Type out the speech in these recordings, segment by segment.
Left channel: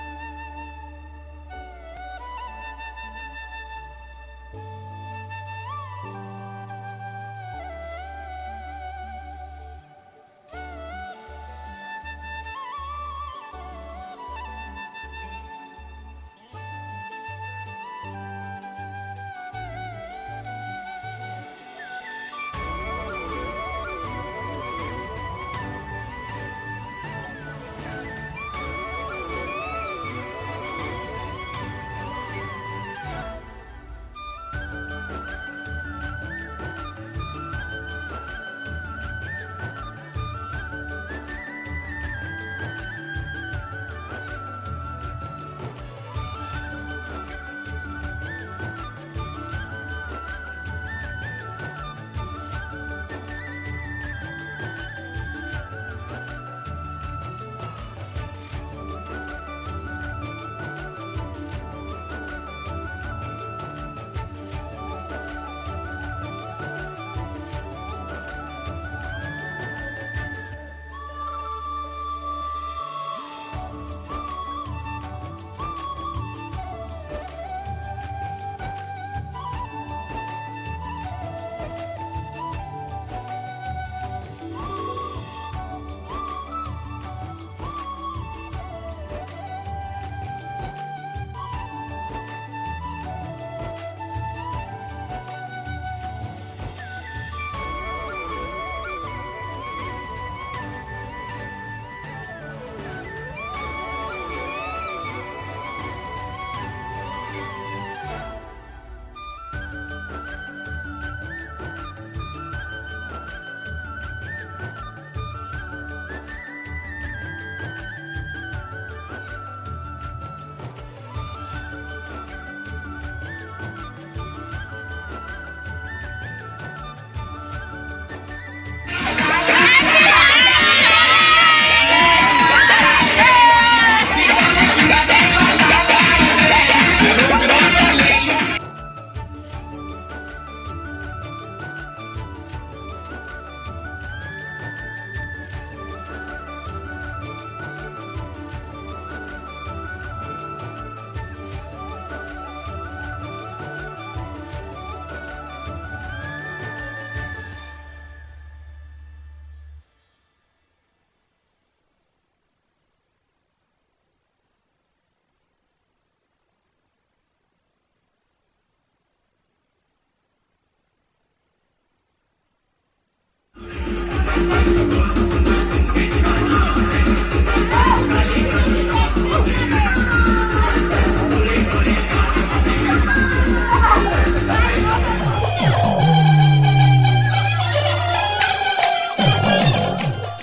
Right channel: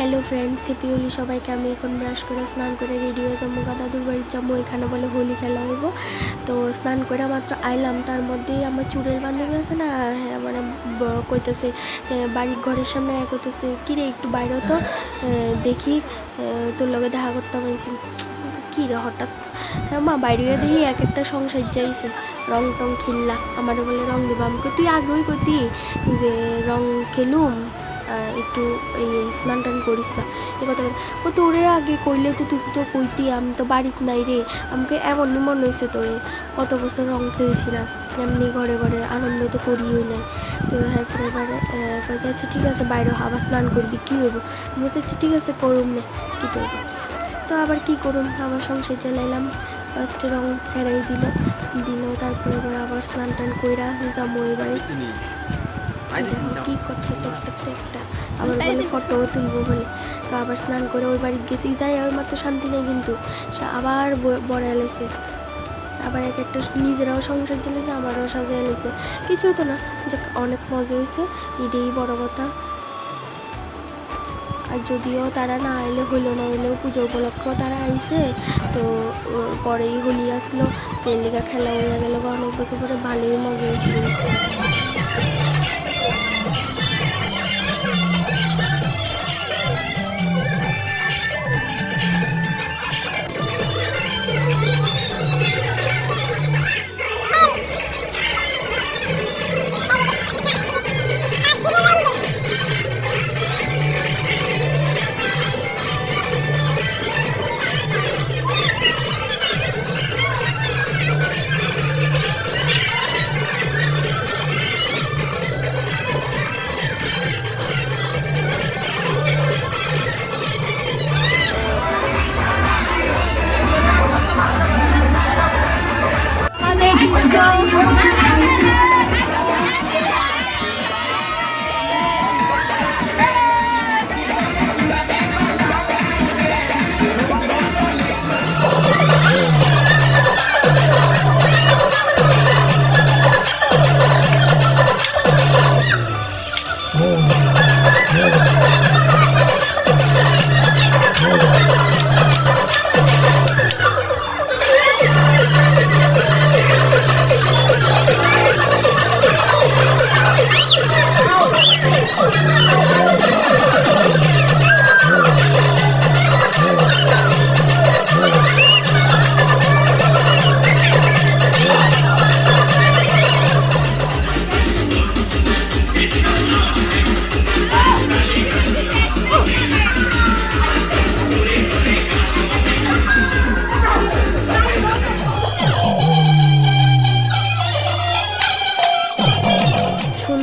Hello friends সিপিউলি সবাইকে আমি এখন ব্রাশ করে স্নান করে রেডি হয়ে যাব। দাদুর বাড়ির যাব, এখানে বলে হোলি খেলা হইব। তো স্নান করে মাত্র আইলাম, তার মধ্যেই আমার চুড়ের বান্ধবী আছে না হ্যাঁ মানে কইতেছে বাড়ির ঘরের সামনে কইতেছে, কিরে, একটু বাইরে তো দেখি তোর লগে দেখা করতে পারছি। কী রে, হঠাৎ হ্যাঁ মা, বাইরে দেখি এক একটা সংসার যাইছে রং টং খেললা। আমার বলে, রং দেবো আমি। কতি আগেই কতি যে রং খেলুম। একটু এই স্নান টান করিস না। এ কথা ও তোরে আগে কইলে তো তুই তো কইতি, আমি তো বাড়িতে নাই রে, আমাকে এমন মনে হয়েছে তোরে কত বছর রং খেলছিলাম এমনি ঘরে ঘরে আনন্দ তো করিও নাই। তো এরপরে এবারে কাছে আচ্ছা ঠিক আছে, বাইরে আবার স্নান করবি, কী হইব? বলছি আচ্ছা ঠিক আছে, করুম না, কী করবি? তো আবার কি করুন আবার সংসার চালাইলাম ফার্স্টে রং ফেরাই দিল দিল, তারপরে আবার স্নান টান কইরা যাব ওই বাড়ি কি করতেছে একটা একটা আবার বলে ফটো তুলবো বলে। তো আবার স্নান করে ওই বাড়ি গেছি। যাই আর মাত্র শান্তি নেই কিন্তু। সে আবার বড় এলেছে আবার এক একটা নিজেরাও সংসার চলেছে আমারও সাজা এলেছে কিছু তো না। যে অনেক মজা হয়েছে। এটাই বড় কথা। আর যদিও তারা না এলে হলো না এলেও পুজো উপলক্ষেও তারা আইছে তো পরেই হোলি আসলো। তেলিকা খেলা হয়ে গেল অনেক বছর পরে ভালোই মজা হয়েছিল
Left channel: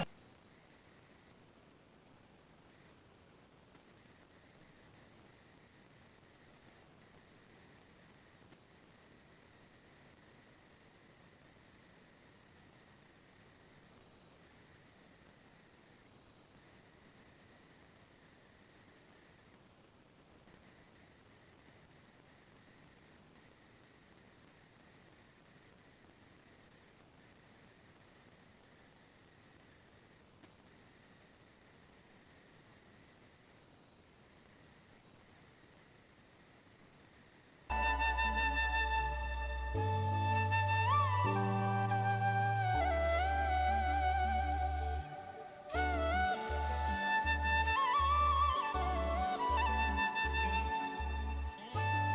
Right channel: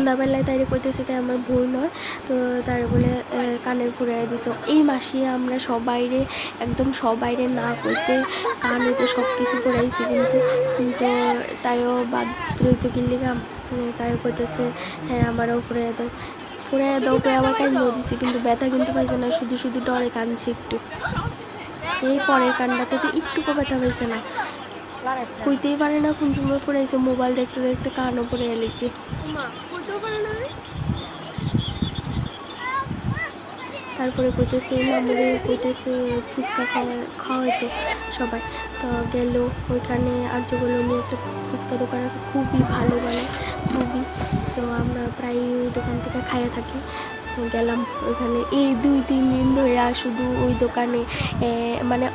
সন্ধ্যাবেলায় তাই কইতেছে তাই আমার ভুল নয়, তো তার বলে কানের ফুরাই দিত। এই মাসে আমরা সবাইরে, একদম সবাইরে না করতে কানে তো সব কিছু ফুরাইছি কিন্তু কিন্তু তাইও বাদ রইতো কিনলিগাম তাই কইতেছে হ্যাঁ আমারও ফুরাই দাও। দাও করে আবার কান্দিয়ে দিছি, কিন্তু ব্যথা কিন্তু পাইছে না, শুধু শুধু ডরে কানছে একটু। এই পরের কান্নাতে তো একটুকু ব্যথা পাইছে না। কইতেই পারে না কোন সময় পড়েছে মোবাইল দেখতে দেখতে কানও পড়ে এলেছে তারপরে কইতেছে মামুরে কইতেছে ফুচকা খাওয়া খাওয়াইতো সবাই। তো গেল ওইখানে আর আর্যগুলো নিয়ে একটা ফুচকা দোকান আছে খুবই ভালো বানায় খুবই। তো আমরা প্রায় ওই দোকান থেকে খাইয়ে থাকি। গেলাম ওইখানে। এই দুই, তিন দিন ধরে শুধু ওই দোকানে মানে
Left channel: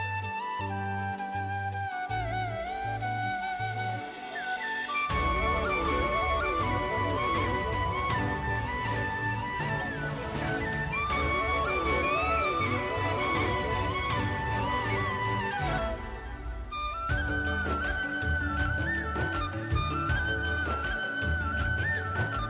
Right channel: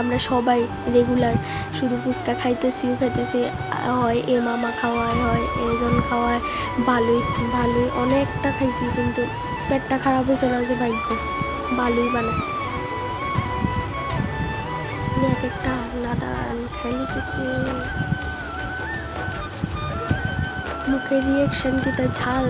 আমরা সবাই রেগুলার শুধু ফুচকা খাইতেছি খাইতেছি। হয় এ মামা খাওয়ায় হয় এজন খাওয়ায় ভালোই ভালোই। অনেকটা খাইছি কিন্তু পেটটা খারাপ হয়েছে না যে ভাগ্য। ভালোই বানায় এক একটা নাদা আমি খাই মুখের রিয়েকশন কি তার ঝাল।